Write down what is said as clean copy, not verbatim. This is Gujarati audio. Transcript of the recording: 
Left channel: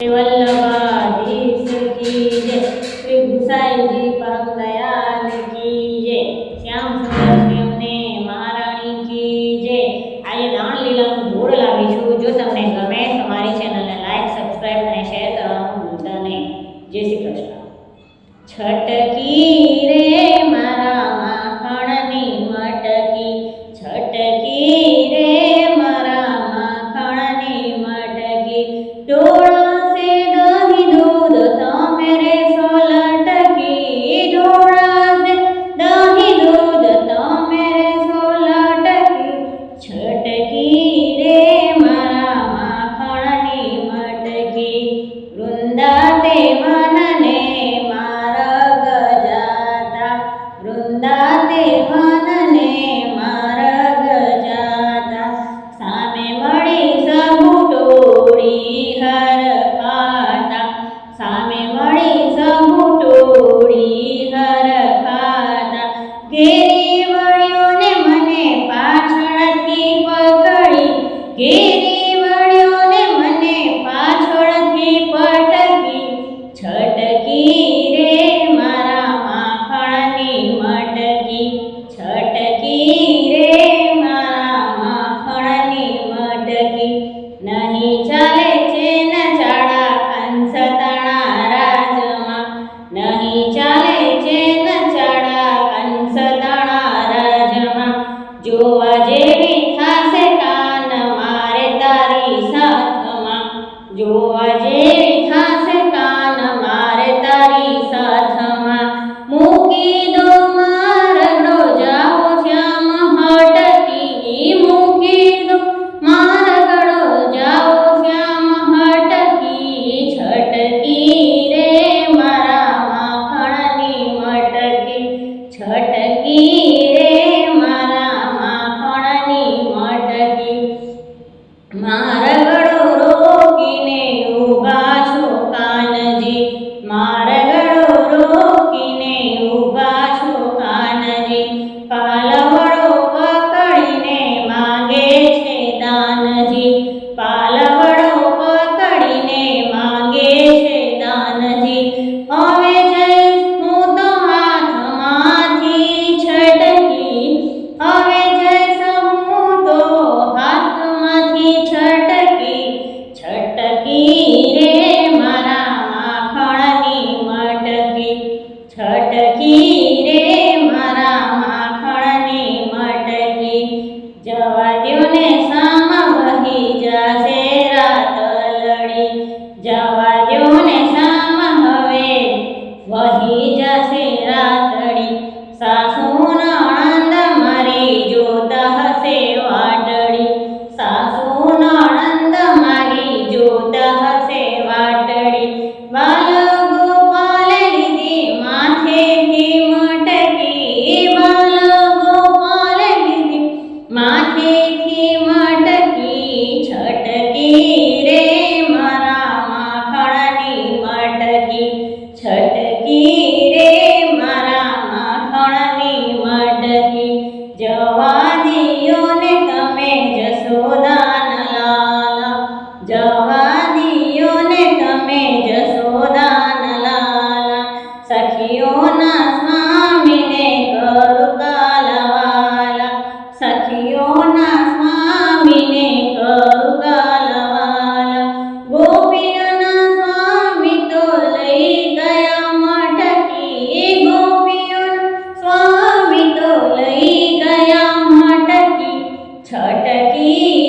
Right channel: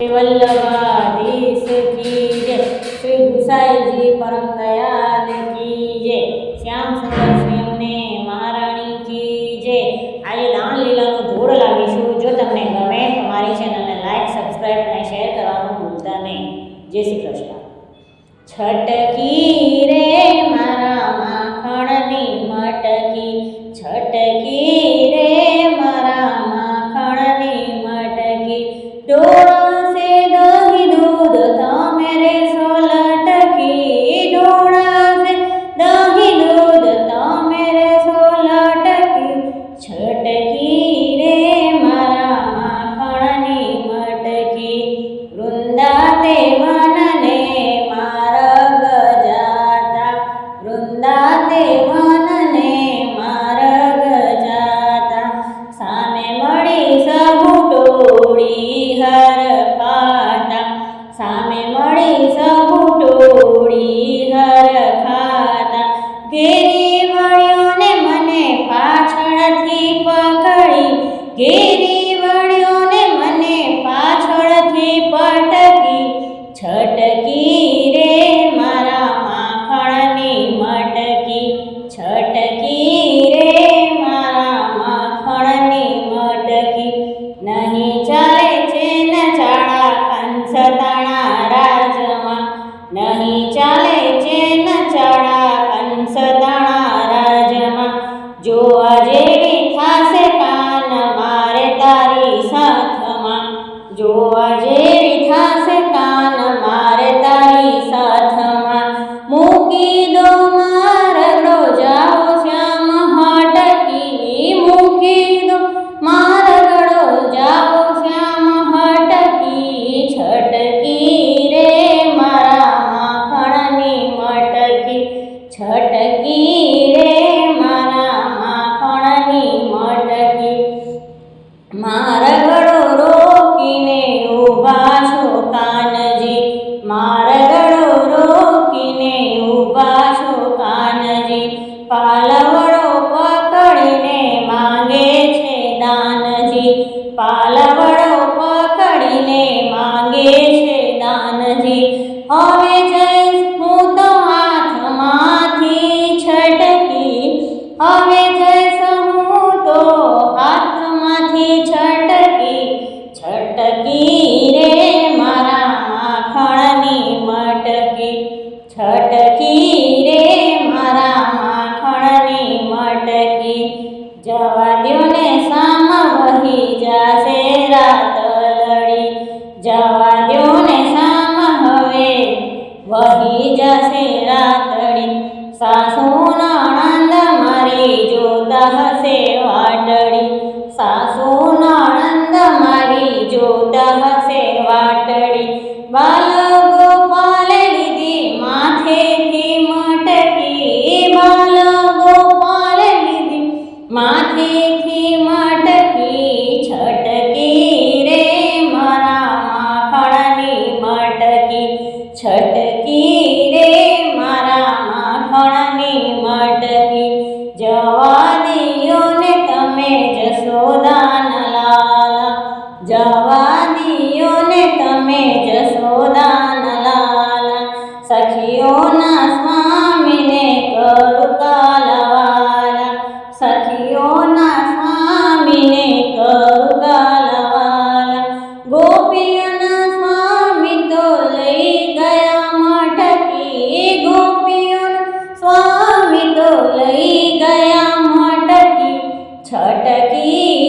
वल्लभाधीश की जय। श्री गुसाई जी परम दयाल की जय। श्याम सुंदर सिंहने महाराणी की जय। આજે દાણલીલાનું ધૂળ લાવીશું। જો તમને ગમે તો મારી ચેનલને લાઈક, સબસ્ક્રાઇબ અને શેર કરવાનું ભૂલતા નહીં। જય શ્રી કૃષ્ણ। છટકી રે મારા માખણની મટકી, છટકી રે મારા માખણની મટકી, ડોળા વૃંદાતે મનને માર્ગ જાતા, વૃંદાતે મનને માર્ગ જાતા, સામે મળી સહુ ટોળી હરખાતા, સામે મળી સહુ ટોળી હરખાતા, ઘેરી વળ્યો ને મને પાછળથી પકડી, ઘેરી વળ્યો ને મને પાછળથી પટકી, છટકી રે મારા માખણની મટકી, છટકી રે મારા માખણની મટકી, નહીં ચાલે ચેન ચાળા કંસતાણા રાજમાં, નહીં ચાલે ચેન ચાળા કંસતાણા રાજમાં, જોવા જેવી થાશે કાન મારે તારી સાથમાં, જોવા જેવી થાશે કાન મારે તારી સાથમાં, મૂકી દો મારડો જાઓ શ્યામ હટકી, મૂકી દો મારગડો જાઓ શ્યામ હટકી, છટકી રે મારા માખણની મટકી, છટકી રે મારા માખણની મટકી, મારગડો રોકીને ઊભા છો કાનજી, મારગડો રોકીને ઊભા છો કાનજી, પાલવડો પકડીને માંગે છે દાનજી, પાલવડો પકડીને માંગે છે દાનજી, હવે જઈશ હું તો હાથમાંથી છટકી, હવે જઈશ હું તો હાથમાંથી છટકી, છટકી રે મારા માખણની મટકી, છટકી રે મારા માખણની મટકી, જવા દ્યો ને સામ વહી જાશે રાત લડી, જવા દ્યો ને સામ હવે વહી જશે રાતડી, સાસુ નણંદ મારી જોત હશે વાટડી, સાસુ નણંદ મારી જોત હશે વાટડી, બાલ ગોપાલે લીધી માથેથી મટકી, બાલ ગોપાલે લીધી માથેથી મટકી, છટકી રે મારા માખણની મટકી, છટકી રે મારા માખણની મટકી, જવા દિયો ને તમે જશોદાન લાલા, જવા દિયો ને તમે જશોદાન લાલા, સખીઓના સ્વામીને કરું કાલવાલા, સખીઓના સ્વામીને કરું કાલવાલા, ગોપીઓના સ્વામી તો લઈ ગયા મટકી, ગોપીઓના સ્વામી તો લઈ ગયા મટકી, છટકી